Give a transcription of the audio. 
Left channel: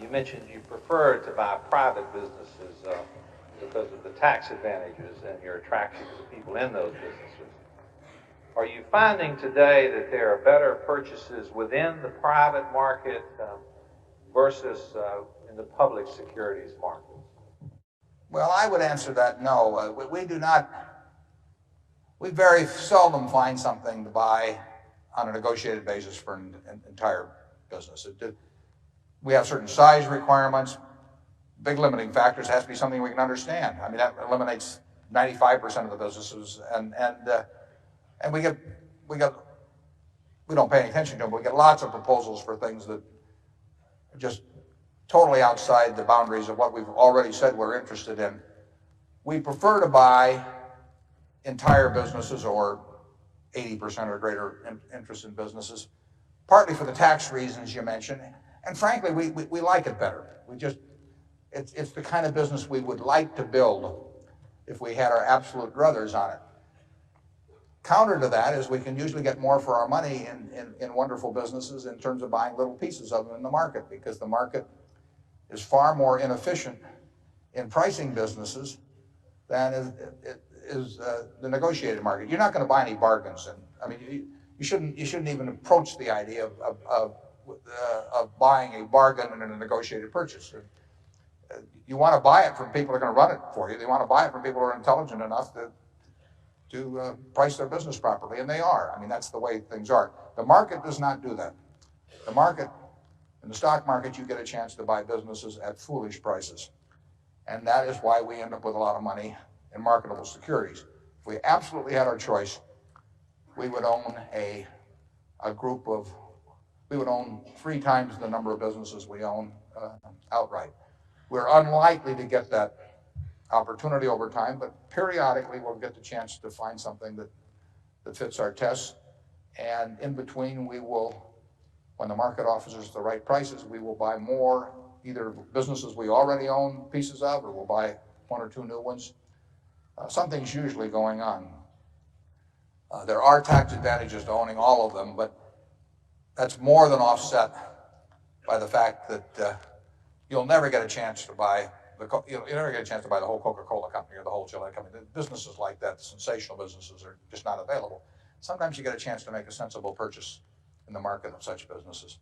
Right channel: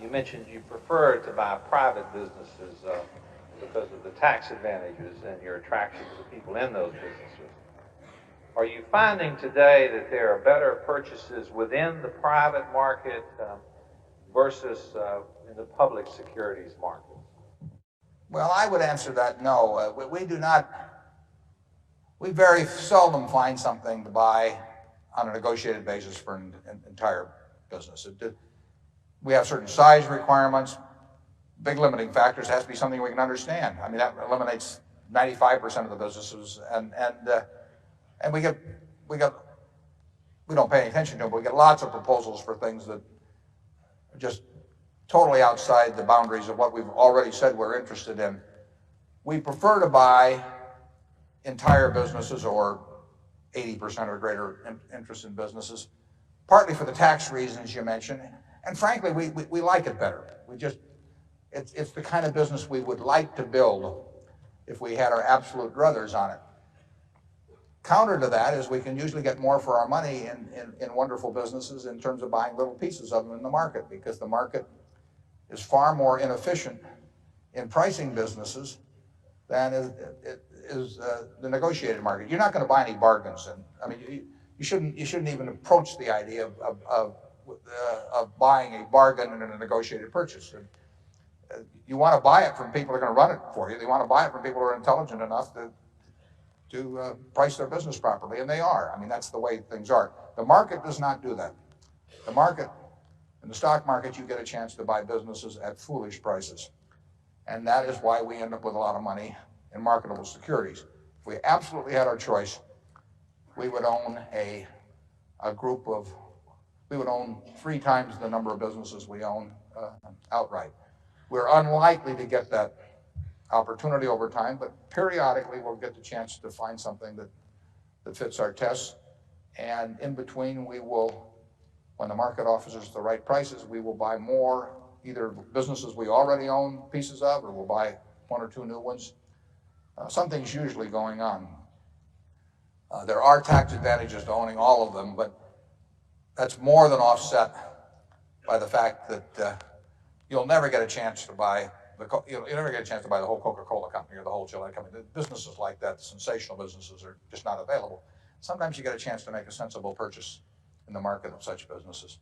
You mentioned you prefer to buy private businesses because of the tax advantages and your attraction to the people in those businesses. Are you finding today that there are better purchases within the private market versus in the public securities market? Well, I would answer that no. We do not. We very seldom find something to buy on a negotiated basis for an entire business. We have certain size requirements, big limiting factors. It has to be something we can understand. I mean, that eliminates 95% of the businesses, and we don't pay any attention to them, but we get lots of proposals for things that are just totally outside the boundaries of what we've already said we're interested in. We prefer to buy entire businesses or 80% or greater interest in businesses, partly for the tax reasons you mentioned, and frankly, we like it better. It's the kind of business we would like to build if we had our absolute druthers on it. Counter to that is we can usually get more for our money in wonderful businesses in terms of buying little pieces of them in the market, because the market is far more inefficient in pricing businesses than is the negotiated market. You're not going to buy any bargains, and I mean you shouldn't even approach the idea of buying a bargain in a negotiated purchase. You want to buy it from people who are going to run it for you. You want to buy it from people who are intelligent enough to price their business properly, and they are. I mean, that's the way things are. The market does not do that. The market, in the stock market, you get a chance to buy businesses at foolish prices, and that is why we end up with a lot of money in marketable securities. If we absolutely had our choice, we would own we would own 3 times the number of businesses we own outright. We're unlikely to get that opportunity over time, but periodically we'll get the chance to find something that fits our tests. And in between, when the market offers us the right prices, we will buy more, either businesses we already own pieces of, or we'll buy 1 or 2 new ones. Something's usually going on. There are tax advantages to owning all of them, but that's more than offset by the fact that you'll never get a chance to buy you'll never get a chance to buy the whole Coca-Cola company or the whole Gillette company. Businesses like that, sensational businesses, are just not available. Sometimes you get a chance to make a sensible purchase in the market of such businesses.